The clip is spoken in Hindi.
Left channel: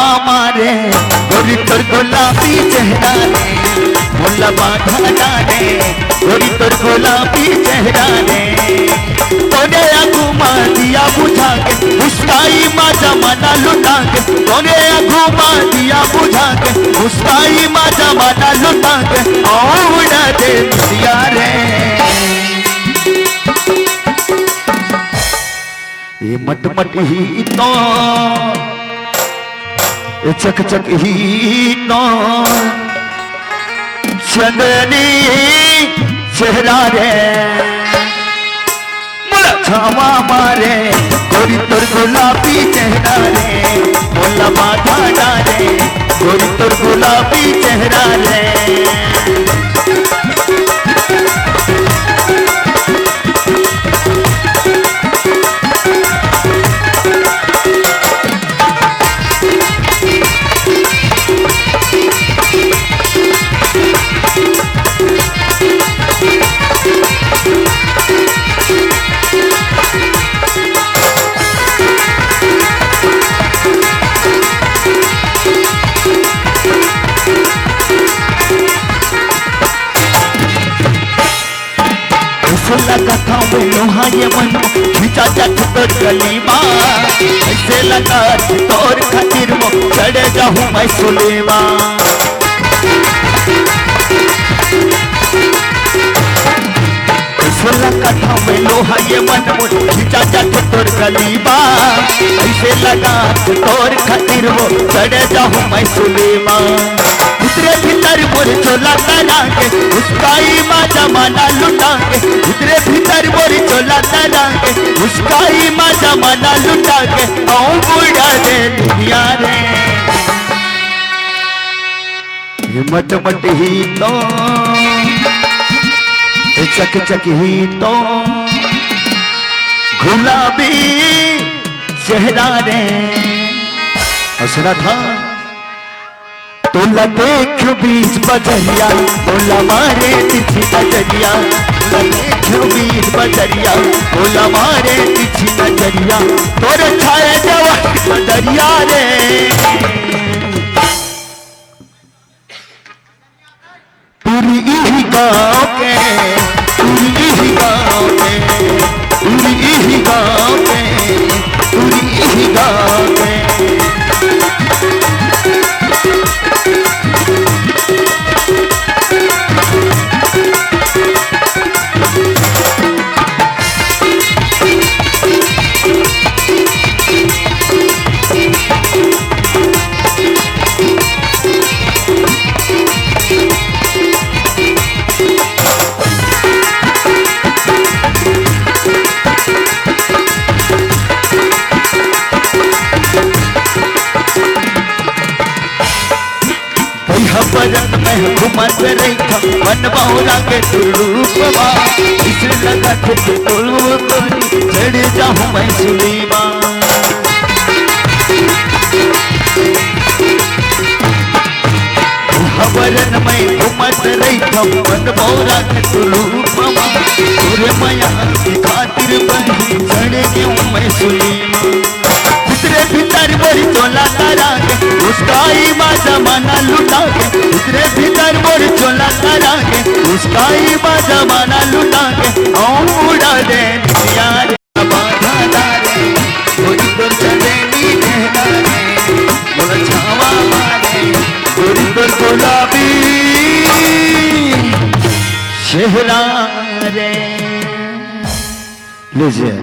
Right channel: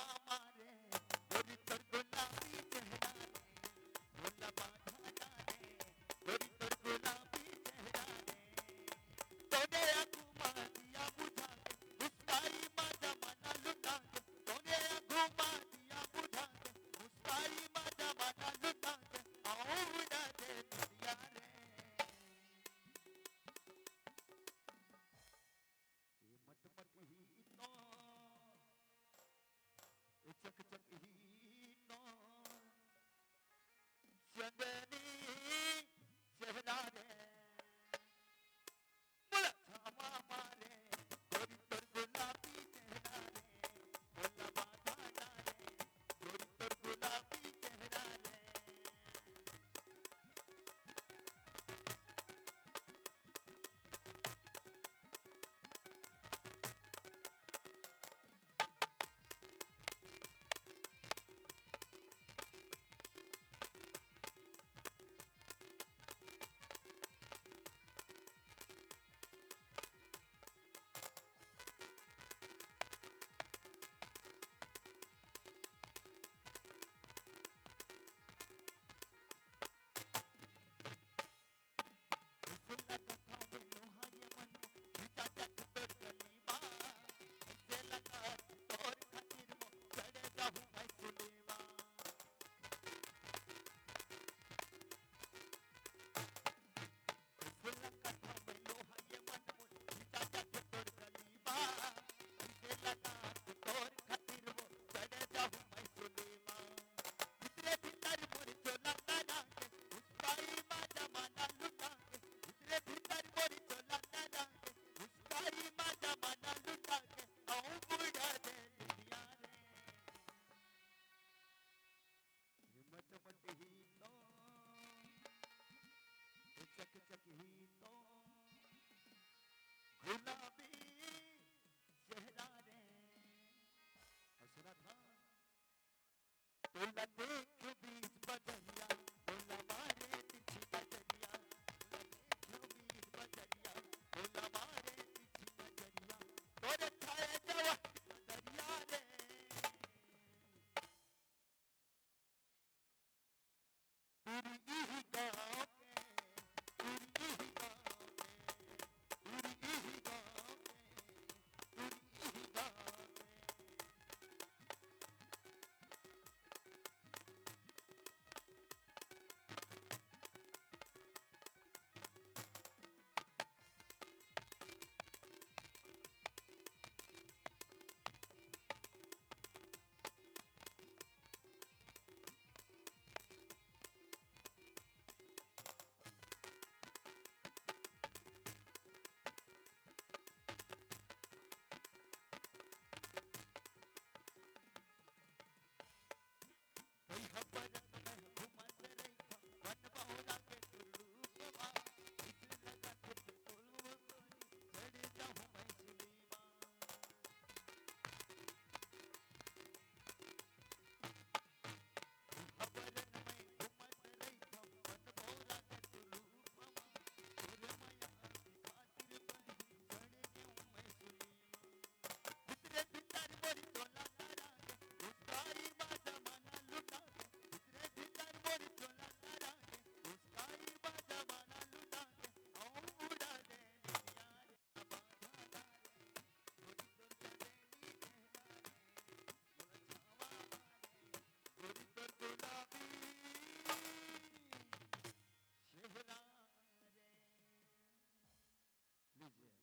छावा मारे गोरी तोर गुलाबी चेहरा रे मोला बाधा डाले गोरी तोर गुलाबी चेहरा रे तोरे घुमा दिया बुझा के मुस्काई माजा मना लुटा के तोरे घुमा दिया बुझा के मुस्काई माजा मना लुटा के उड़ा दे दिया रे ये मट मट ही तो ये चक चक ही तो चंदनी चेहरा रे मोला छावा मारे गोरी तोर गुलाबी चेहरा रे मोला बाधा डाले गोरी तोर गुलाबी चेहरा रे लगा था लोहा ये मन खींचा जाट तोर गलीमा ऐसे लगा तोर खातिर वो चढ़ जाऊं मैं सुलेमा ऐसे लगा था लोहा ये मन खींचा जाट तोर गलीमा ऐसे लगा तोर खातिर वो चढ़ जाऊं मैं सुलेमा उतरे भीतर मोर चोला तरा के उसकाई माँ जमाना लुटा के उतरे भीतर मोर चोला तरा के उसकाई माँ जमाना लुटा के आऊं बुढ़ा दे दुनिया रे ये मट मट ही तो चक चक ही तो गुलाबी चेहरा रे हंसना था तोला देखो बीच बजरिया तोला मारे तिथि नजरिया तोला देखो बीच बजरिया तोला मारे तिथि नजरिया तोरे छाए जवान बजरिया रे पूरी ही गाँव के पूरी ही गाँव के पूरी ही गाँव के पूरी ही गाँव के बरत में घुमत रही था मन बहुरा के रूपवा इस लगा के तोलू तोरी चढ़ जाऊं मैं सुलीमा बरन में घुमत रही था मन बहुरा के रूपवा पूरे माया की खातिर बनी चढ़ जाऊं मैं सुलीमा उतरे भीतर मोरी चोला तरा के उसकाई माँ जमाना लुटा के उतरे भीतर मोरी चोला तरा के उसकाई माँ जमाना लुटा के उड़ा दे यार बाधा डाले गोरी तोर चलेनी चेहरा रे मोला छावा मारे गोरी तोर गुलाबी चेहरा रे लीजिए।